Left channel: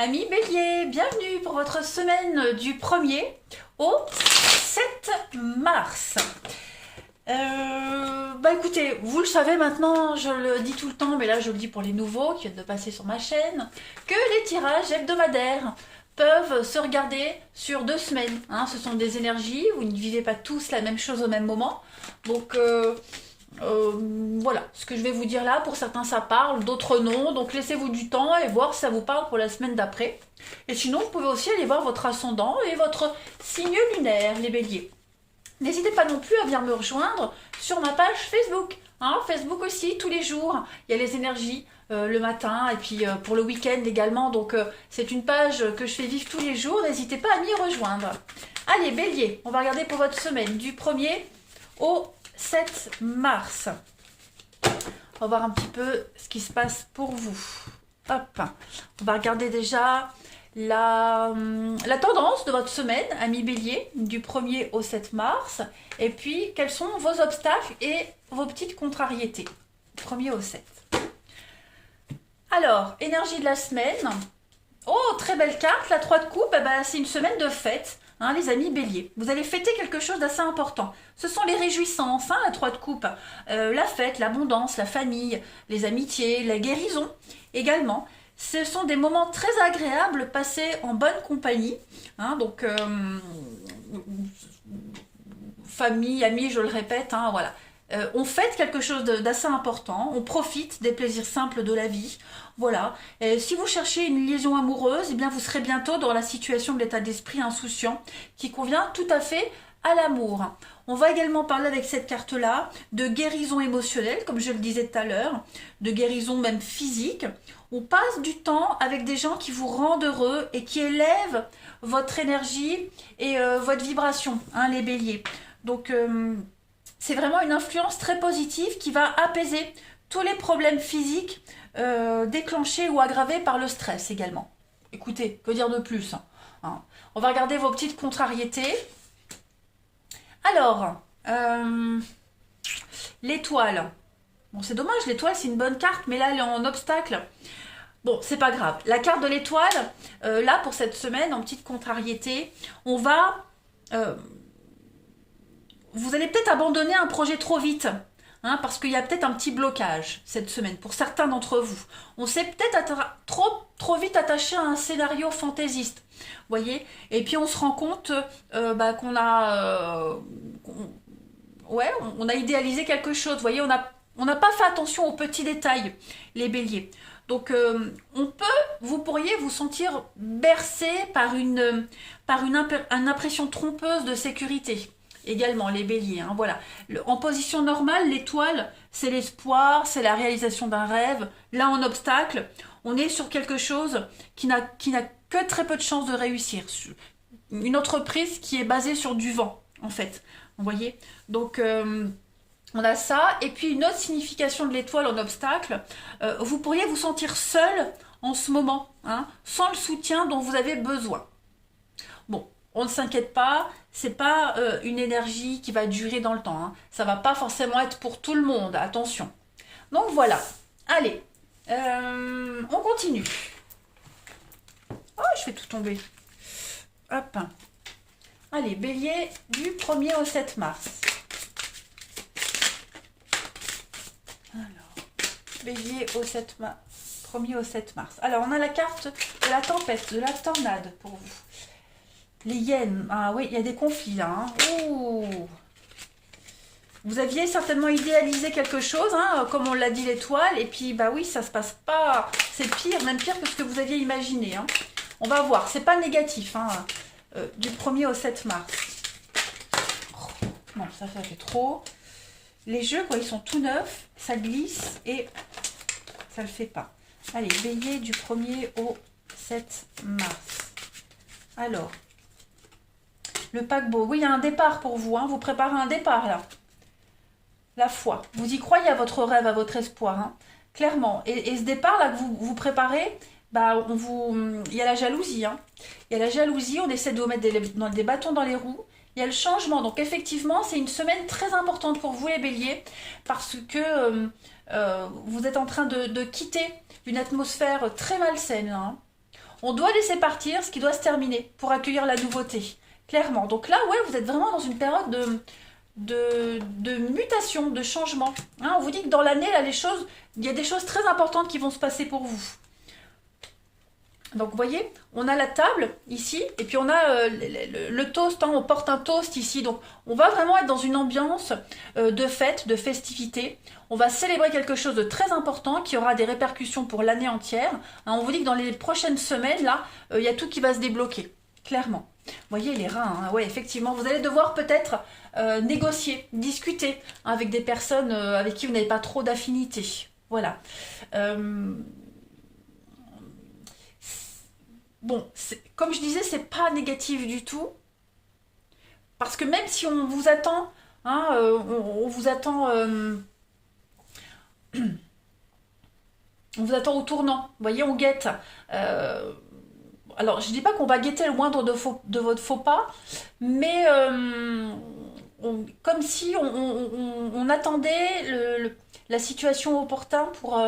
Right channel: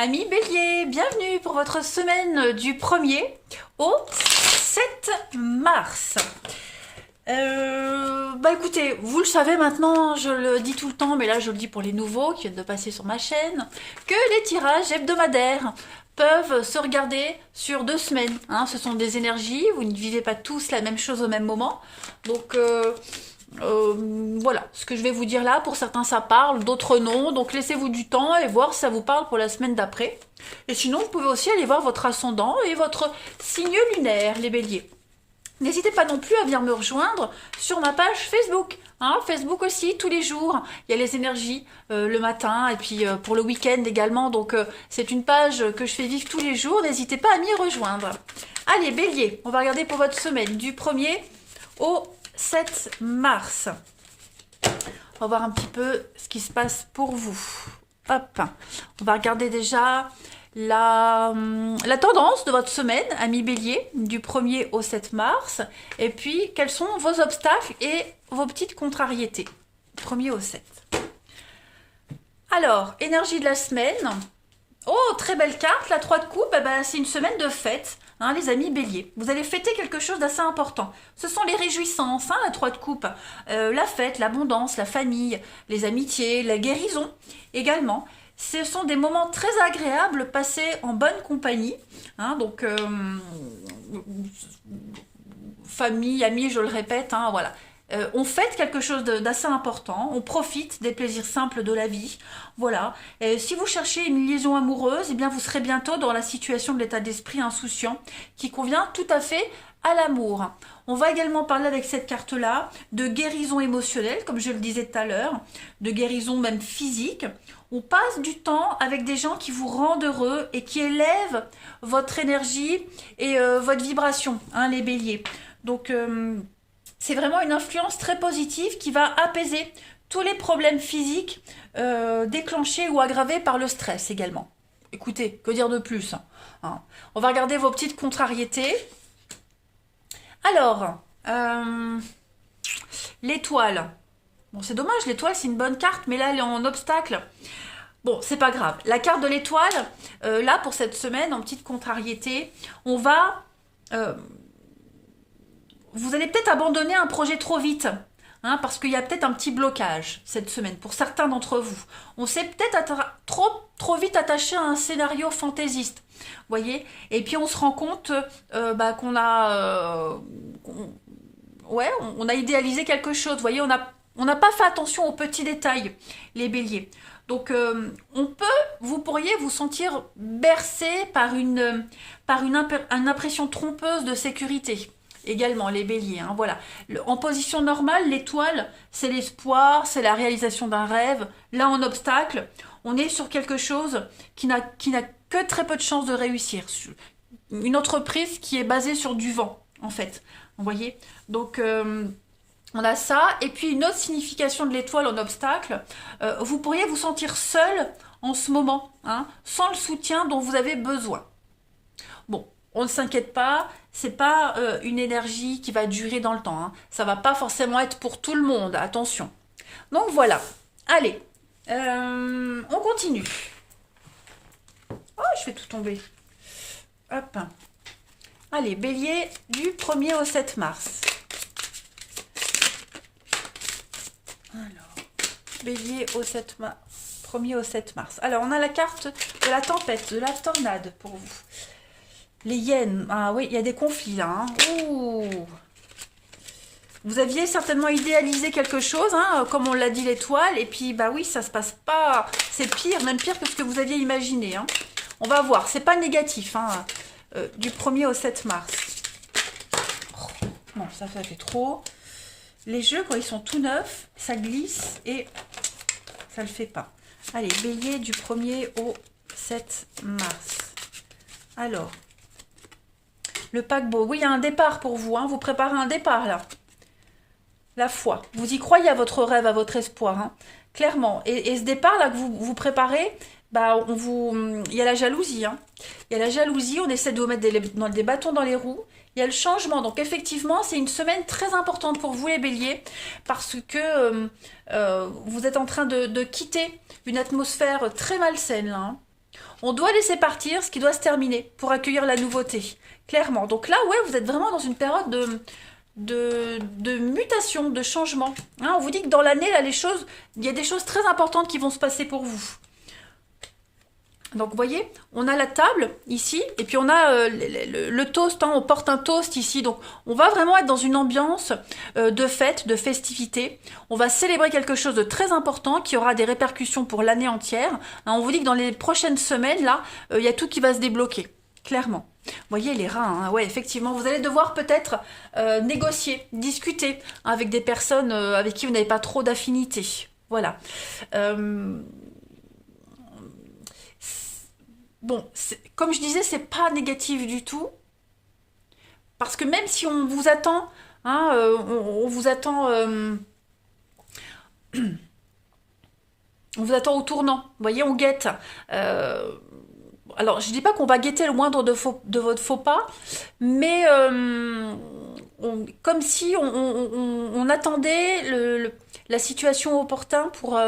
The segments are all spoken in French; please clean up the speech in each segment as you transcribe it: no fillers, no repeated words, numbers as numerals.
Amis Bélier, bienvenue pour votre semaine du 1er au 7 mars. Écoutez, vous le savez maintenant, je le dis tout le temps, mais là je le dis pour les nouveaux qui viennent de passer sur ma chaîne, que les tirages hebdomadaires peuvent se regarder sur 2 semaines. Ce sont des énergies, vous ne vivez pas tous la même chose au même moment. Donc voilà, ce que je vais vous dire là, pour certains ça parle, d'autres non, donc laissez-vous du temps et voir si ça vous parle pour la semaine d'après. Et sinon, vous pouvez aussi aller voir votre ascendant et votre signe lunaire, les béliers. N'hésitez pas non plus à venir me rejoindre sur ma page Facebook. Facebook aussi, tous les jours, il y a les énergies le matin et puis pour le week-end également. Donc c'est une page que je fais vivre tous les jours, n'hésitez pas à m'y rejoindre. Allez, bélier, on va regarder pour votre semaine du 1er au 7 mars. On va voir un petit peu ce qui se passe pour vous. Hop, on va regarder déjà la tendance de votre semaine, amis bélier, du 1er au 7 mars. Et puis, quels sont vos obstacles et vos petites contrariétés. 1er au 7. Alors, énergie de la semaine. Oh, très belle carte, la 3 de coupe, c'est une semaine de fête. Les amis béliers, vous allez fêter quelque chose d'assez important. Ce sont les réjouissances, la 3 de coupe, la fête, l'abondance, la famille, les amitiés, la guérison également. Ce sont des moments très agréables passés en bonne compagnie. Famille, amis, je le répète, voilà. On fête quelque chose d'assez important, on profite des plaisirs simples de la vie, voilà. Si vous cherchez une liaison amoureuse, eh bien vous serez bientôt dans la situation de l'état d'esprit insouciant qui convient tout à fait à l'amour. On va également parler avec cette carte-là de guérison émotionnelle, comme je le disais tout à l'heure, de guérison même physique. On passe du temps avec des gens qui vous rendent heureux et qui élèvent votre énergie et votre vibration, les béliers. Donc c'est vraiment une influence très positive qui va apaiser tous les problèmes physiques déclenchés ou aggravés par le stress également. Écoutez, que dire de plus On va regarder vos petites contrariétés. Alors, l'étoile. Bon, c'est dommage, l'étoile c'est une bonne carte, mais là elle est en obstacle. Bon, c'est pas grave. La carte de l'étoile, là pour cette semaine, en petite contrariété, on va... vous allez peut-être abandonner un projet trop vite, parce qu'il y a peut-être un petit blocage cette semaine pour certains d'entre vous. On s'est peut-être trop vite attaché à un scénario fantaisiste, voyez. Et puis on se rend compte qu'on a, on a idéalisé quelque chose, voyez. On n'a pas fait attention aux petits détails, les béliers. Donc vous pourriez vous sentir bercé par une impression trompeuse de sécurité. Également les béliers, voilà. En position normale, l'étoile, c'est l'espoir, c'est la réalisation d'un rêve. Là, en obstacle, on est sur quelque chose qui n'a que très peu de chances de réussir. Une entreprise qui est basée sur du vent, en fait. Vous voyez. Donc, on a ça. Et puis, une autre signification de l'étoile en obstacle, vous pourriez vous sentir seul en ce moment, sans le soutien dont vous avez besoin. Bon, on ne s'inquiète pas, c'est pas une énergie qui va durer dans le temps. Ça va pas forcément être pour tout le monde, attention. Donc voilà, allez, on continue. Oh, je fais tout tomber. Hop. Allez, bélier du 1er au 7 mars. Alors, bélier au 7 mars. 1er au 7 mars. Alors, on a la carte de la tempête, de la tornade pour vous. Les hyènes, oui, il y a des conflits là. Ouh. Vous aviez certainement idéalisé quelque chose, comme on l'a dit l'étoile, et puis oui, ça se passe pas. C'est pire, même pire que ce que vous aviez imaginé. On va voir, c'est pas négatif, du 1er au 7 mars. Oh, non, ça fait trop. Les jeux, ils sont tout neufs, ça glisse et ça le fait pas. Allez, bélier du 1er au 7 mars. Alors. Le paquebot, oui, il y a un départ pour vous, vous préparez un départ là. La foi, vous y croyez à votre rêve, à votre espoir, clairement. Et ce départ là que vous préparez, il y a la jalousie. Il y a la jalousie, on essaie de vous mettre des bâtons dans les roues. Il y a le changement, donc effectivement, c'est une semaine très importante pour vous les béliers, parce que vous êtes en train de quitter une atmosphère très malsaine là. On doit laisser partir ce qui doit se terminer pour accueillir la nouveauté, clairement. Donc là, ouais, vous êtes vraiment dans une période de mutation, de changement. Hein, on vous dit que dans l'année, là, il y a des choses très importantes qui vont se passer pour vous. Donc vous voyez, on a la table ici, et puis on a le toast, hein, on porte un toast ici. Donc on va vraiment être dans une ambiance de fête, de festivité. On va célébrer quelque chose de très important qui aura des répercussions pour l'année entière. Hein, on vous dit que dans les prochaines semaines, là, il y a tout qui va se débloquer, clairement. Vous voyez les reins, hein, ouais, effectivement, vous allez devoir peut-être négocier, discuter hein, avec des personnes avec qui vous n'avez pas trop d'affinité. Voilà. Bon, comme je disais, c'est pas négatif du tout, parce que même si on vous attend, hein, on vous attend, on vous attend au tournant. Vous voyez, on guette. Euh, alors, je dis pas qu'on va guetter le moindre de votre faux pas, mais comme si on attendait la situation opportune pour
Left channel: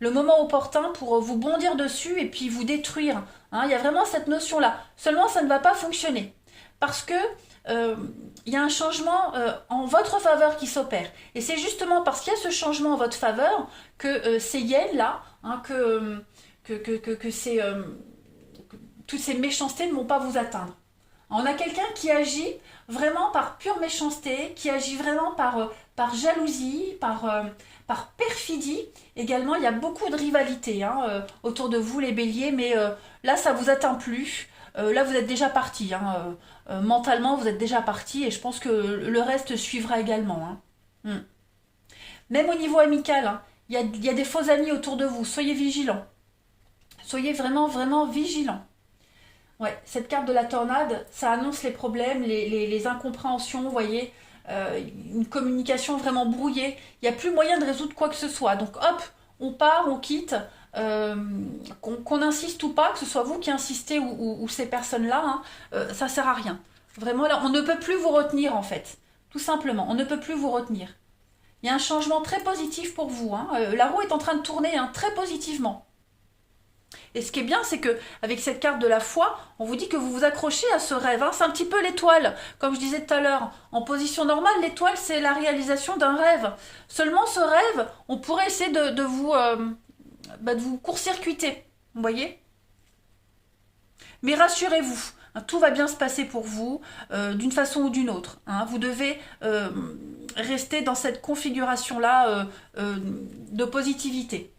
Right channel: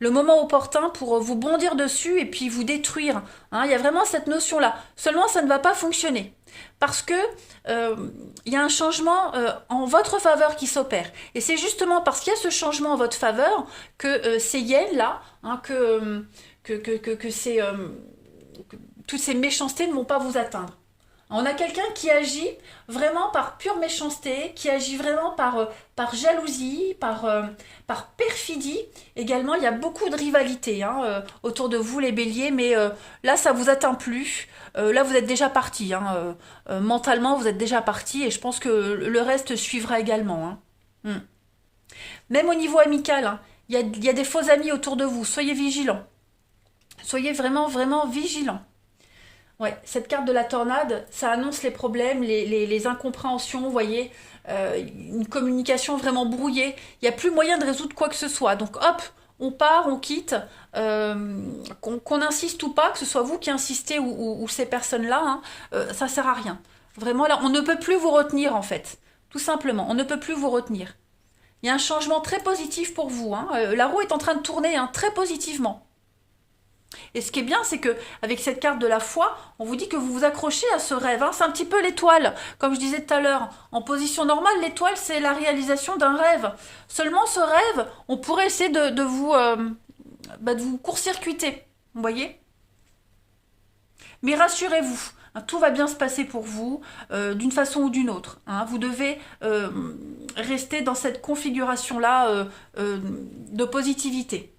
le moment opportun pour vous bondir dessus et puis vous détruire. Hein, il y a vraiment cette notion-là. Seulement, ça ne va pas fonctionner. Parce que il y a un changement en votre faveur qui s'opère. Et c'est justement parce qu'il y a ce changement en votre faveur que ces yens-là, hein, que toutes ces méchancetés ne vont pas vous atteindre. On a quelqu'un qui agit vraiment par pure méchanceté, qui agit vraiment par jalousie, par perfidie. Également, il y a beaucoup de rivalité hein, autour de vous, les béliers, mais là, ça vous atteint plus. Là, vous êtes déjà parti. Hein, mentalement, vous êtes déjà parti et je pense que le reste suivra également. Hein. Même au niveau amical, hein, il y a des faux amis autour de vous. Soyez vigilants. Soyez vraiment, vraiment vigilants. Ouais, cette carte de la tornade, ça annonce les problèmes, les incompréhensions, vous voyez, une communication vraiment brouillée. Il n'y a plus moyen de résoudre quoi que ce soit. Donc hop, on part, on quitte, qu'on insiste ou pas, que ce soit vous qui insistez ou ces personnes-là, hein, ça sert à rien. Vraiment là, on ne peut plus vous retenir en fait. Tout simplement, on ne peut plus vous retenir. Il y a un changement très positif pour vous. Hein. La roue est en train de tourner hein, très positivement. Et ce qui est bien, c'est que avec cette carte de la foi, on vous dit que vous vous accrochez à ce rêve. Hein. C'est un petit peu l'étoile, comme je disais tout à l'heure. En position normale, l'étoile, c'est la réalisation d'un rêve. Seulement, ce rêve, on pourrait essayer de vous court-circuiter. Vous voyez? Mais rassurez-vous, hein, tout va bien se passer pour vous, d'une façon ou d'une autre. Hein. Vous devez rester dans cette configuration-là de positivité.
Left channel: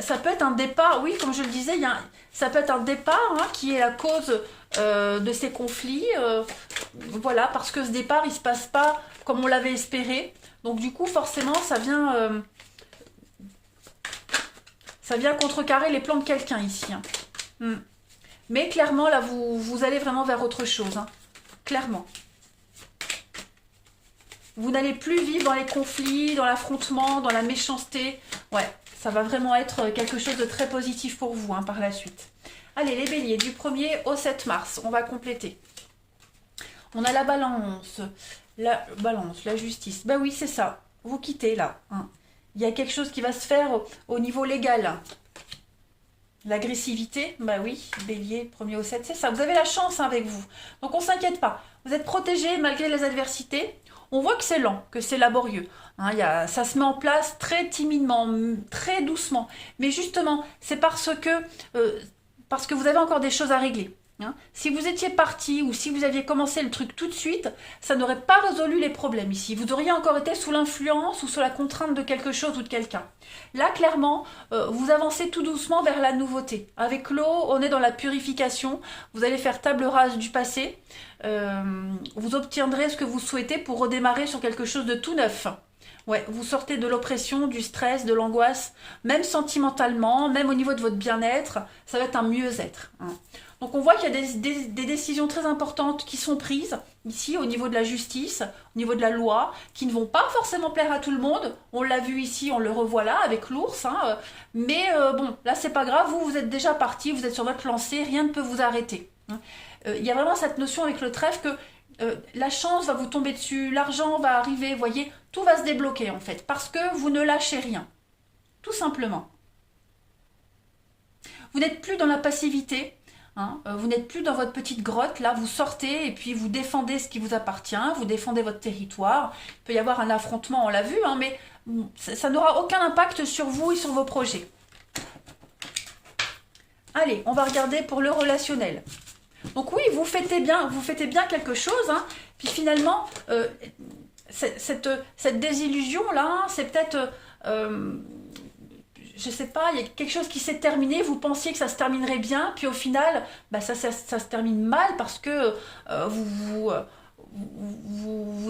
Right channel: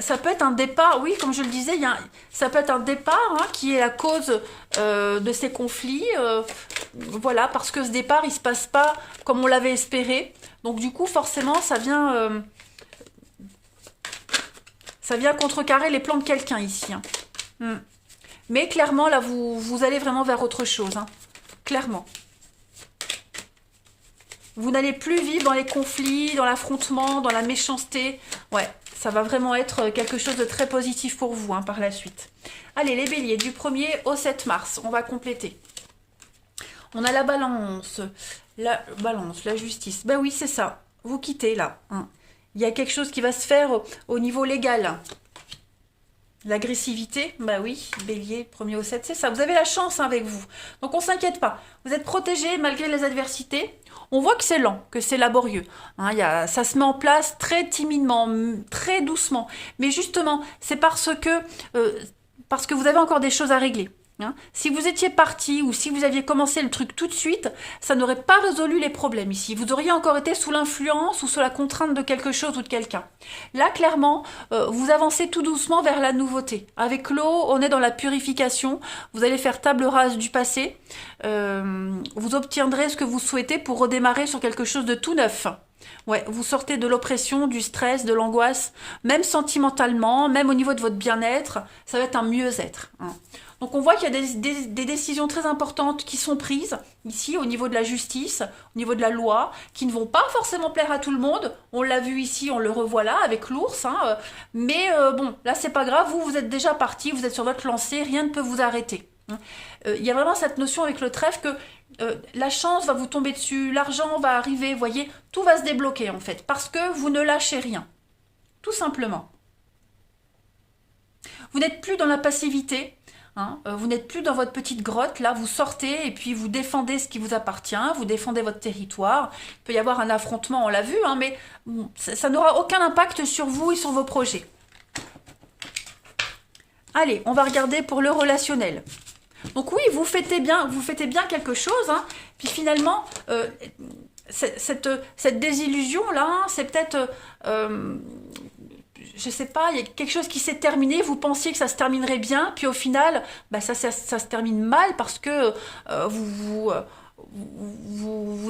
Ça peut être un départ, oui, comme je le disais, ça peut être un départ hein, qui est la cause de ces conflits. Voilà, parce que ce départ, il ne se passe pas comme on l'avait espéré. Donc du coup, forcément, ça vient contrecarrer les plans de quelqu'un ici. Hein. Mais clairement, là, vous allez vraiment vers autre chose. Hein. Clairement. Vous n'allez plus vivre dans les conflits, dans l'affrontement, dans la méchanceté. Ouais, ça va vraiment être quelque chose de très positif pour vous hein, par la suite. Allez, les béliers, du 1er au 7 mars, on va compléter. On a la balance, la justice. Ben oui, c'est ça. Vous quittez là. Hein. Il y a quelque chose qui va se faire au niveau légal. L'agressivité, bah oui, bélier, 1er au 7, c'est ça. Vous avez la chance hein, avec vous. Donc on ne s'inquiète pas. Vous êtes protégé malgré les adversités. On voit que c'est lent, que c'est laborieux. Hein, ça se met en place très timidement, très doucement. Mais justement, c'est parce que vous avez encore des choses à régler. Hein. Si vous étiez parti ou si vous aviez commencé le truc tout de suite, ça n'aurait pas résolu les problèmes ici. Vous auriez encore été sous l'influence ou sous la contrainte de quelque chose ou de quelqu'un. Là, clairement, vous avancez tout doucement vers la nouveauté. Avec l'eau, on est dans la purification. Vous allez faire table rase du passé. Vous obtiendrez ce que vous souhaitez pour redémarrer sur quelque chose de tout neuf. Ouais, vous sortez de l'oppression, du stress, de l'angoisse, même sentimentalement, même au niveau de votre bien-être, ça va être un mieux-être. Hein. Donc on voit qu'il y a des décisions très importantes qui sont prises ici au niveau de la justice, au niveau de la loi, qui ne vont pas forcément plaire à tout le monde. On l'a vu ici, on le revoit là avec l'ours. Hein, mais bon, là c'est pas grave, vous êtes déjà parti, vous êtes sur votre lancée, rien ne peut vous arrêter. Il y a vraiment cette notion avec le trèfle que la chance va vous tomber dessus, l'argent va arriver, vous voyez, tout va se débloquer en fait, parce que vous ne lâchez rien, tout simplement. Vous n'êtes plus dans la passivité, hein, vous n'êtes plus dans votre petite grotte, là vous sortez et puis vous défendez ce qui vous appartient, vous défendez votre territoire. Il peut y avoir un affrontement, on l'a vu, hein, mais ça n'aura aucun impact sur vous et sur vos projets. Allez, on va regarder pour le relationnel. Donc oui, vous fêtez bien quelque chose, hein, puis finalement, cette désillusion-là, c'est peut-être... je sais pas, il y a quelque chose qui s'est terminé, vous pensiez que ça se terminerait bien, puis au final, bah ça se termine mal parce que vous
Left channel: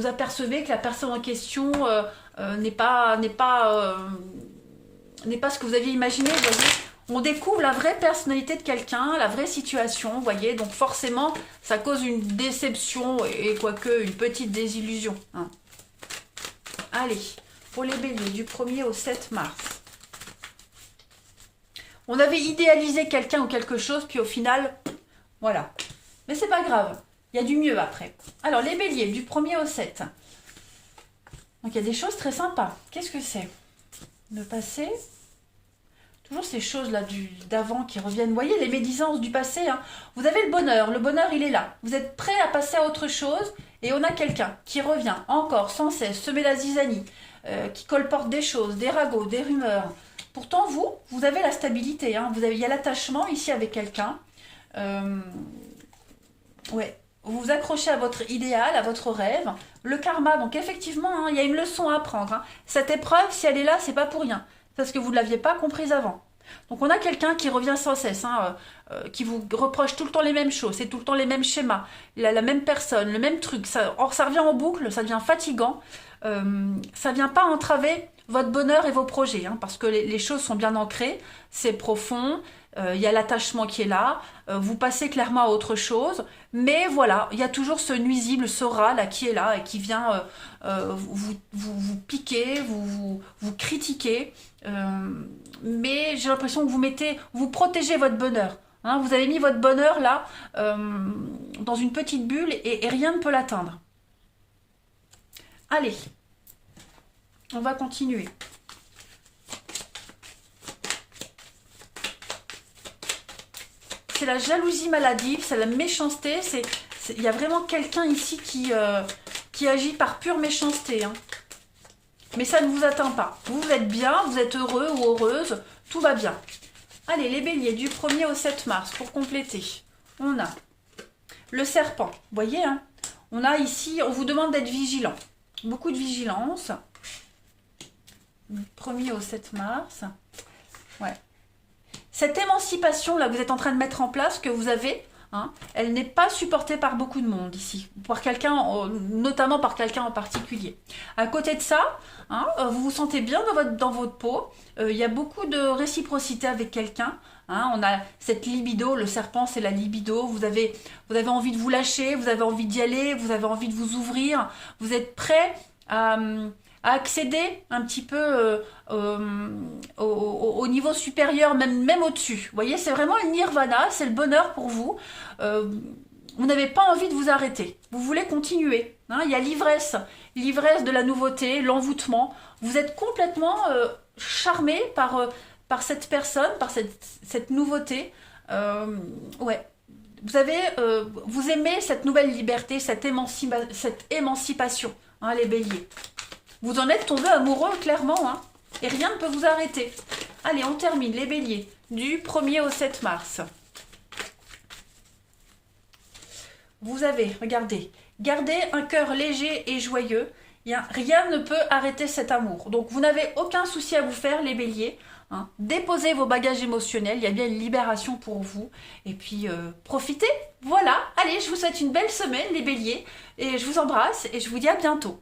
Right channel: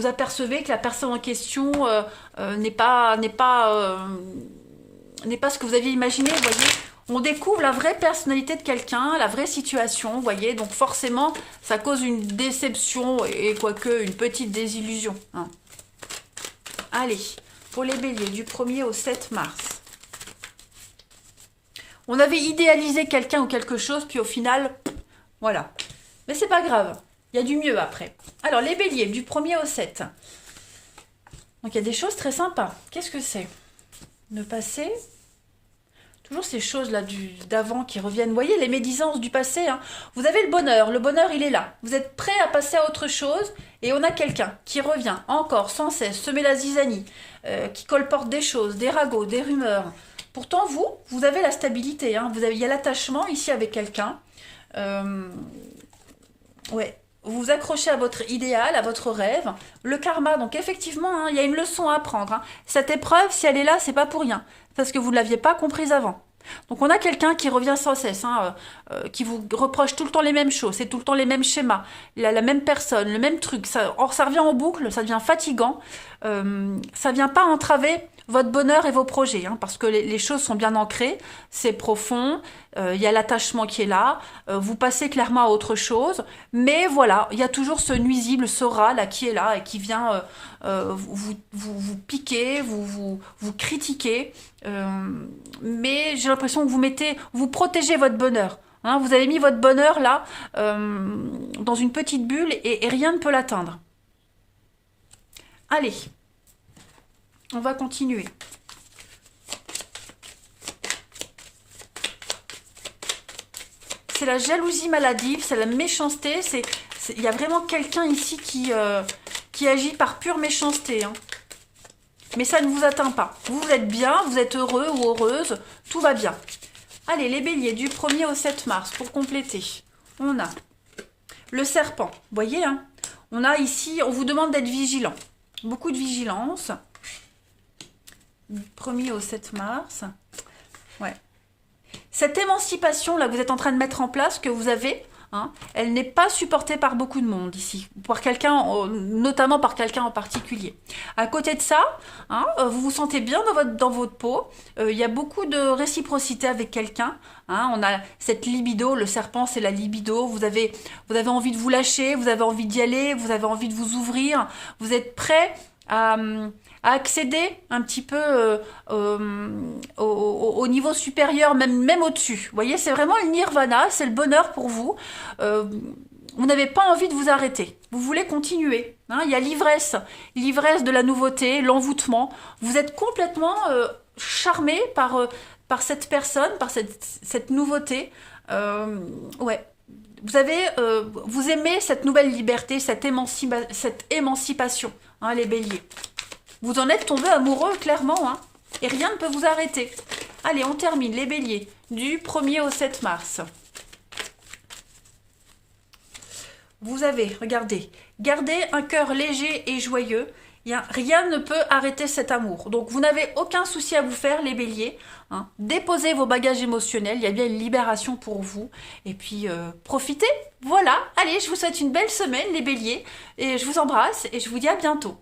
apercevez que la personne en question n'est pas ce que vous aviez imaginé, vous voyez. On découvre la vraie personnalité de quelqu'un, la vraie situation, vous voyez. Donc forcément, ça cause une déception et quoique une petite désillusion. Hein. Allez, pour les béliers, du 1er au 7 mars. On avait idéalisé quelqu'un ou quelque chose, puis au final, voilà. Mais c'est pas grave, il y a du mieux après. Alors, les béliers, du 1er au 7. Donc, il y a des choses très sympas. Qu'est-ce que c'est? Le passé. Toujours ces choses-là d'avant qui reviennent. Vous voyez, les médisances du passé. Hein. Vous avez le bonheur, il est là. Vous êtes prêt à passer à autre chose, et on a quelqu'un qui revient encore, sans cesse, semer la zizanie, qui colporte des choses, des ragots, des rumeurs. Pourtant, vous avez la stabilité. Hein. Il y a l'attachement ici avec quelqu'un. Ouais. Vous vous accrochez à votre idéal, à votre rêve. Le karma, donc effectivement, hein, il y a une leçon à apprendre. Hein. Cette épreuve, si elle est là, c'est pas pour rien. Parce que vous ne l'aviez pas comprise avant. Donc on a quelqu'un qui revient sans cesse, hein, qui vous reproche tout le temps les mêmes choses, c'est tout le temps les mêmes schémas, la même personne, le même truc. Ça revient en boucle, ça devient fatigant. Ça ne vient pas entraver votre bonheur et vos projets, hein, parce que les choses sont bien ancrées, c'est profond, il y a l'attachement qui est là, vous passez clairement à autre chose, mais voilà, il y a toujours ce nuisible, ce rat là qui est là et qui vient vous piquer, vous critiquer, mais j'ai l'impression que vous protégez votre bonheur. Hein, vous avez mis votre bonheur là dans une petite bulle et rien ne peut l'atteindre. Allez, on va continuer. C'est la jalousie maladive, c'est la méchanceté. Il y a vraiment quelqu'un ici qui agit par pure méchanceté. Hein. Mais ça ne vous atteint pas. Vous êtes bien, vous êtes heureux ou heureuse, tout va bien. Allez, les béliers, du 1er au 7 mars, pour compléter. On a le serpent, vous voyez, hein, on a ici, on vous demande d'être vigilant. Beaucoup de vigilance. Du 1er au 7 mars. Ouais. Cette émancipation, là, vous êtes en train de mettre en place, que vous avez, hein, elle n'est pas supportée par beaucoup de monde ici. Par quelqu'un, notamment par quelqu'un en particulier. À côté de ça, hein, vous vous sentez bien dans votre peau. Il y a beaucoup de réciprocité avec quelqu'un. Hein, on a cette libido, le serpent c'est la libido, vous avez envie de vous lâcher, vous avez envie d'y aller, vous avez envie de vous ouvrir, vous êtes prêt à accéder un petit peu au niveau supérieur, même au-dessus. Vous voyez, c'est vraiment le nirvana, c'est le bonheur pour vous. Vous n'avez pas envie de vous arrêter, vous voulez continuer. Hein, il y a l'ivresse de la nouveauté, l'envoûtement. Vous êtes complètement charmé par cette personne, par cette nouveauté. Ouais. Vous aimez cette nouvelle liberté, cette émancipation, hein, les béliers. Vous en êtes tombé amoureux, clairement, hein, et rien ne peut vous arrêter. Allez, on termine, les béliers, du 1er au 7 mars. Vous avez, regardez, gardez un cœur léger et joyeux. Rien ne peut arrêter cet amour. Donc, vous n'avez aucun souci à vous faire, les béliers. Hein. Déposez vos bagages émotionnels, il y a bien une libération pour vous. Et puis, profitez. Voilà, allez, je vous souhaite une belle semaine, les béliers. Et je vous embrasse et je vous dis à bientôt.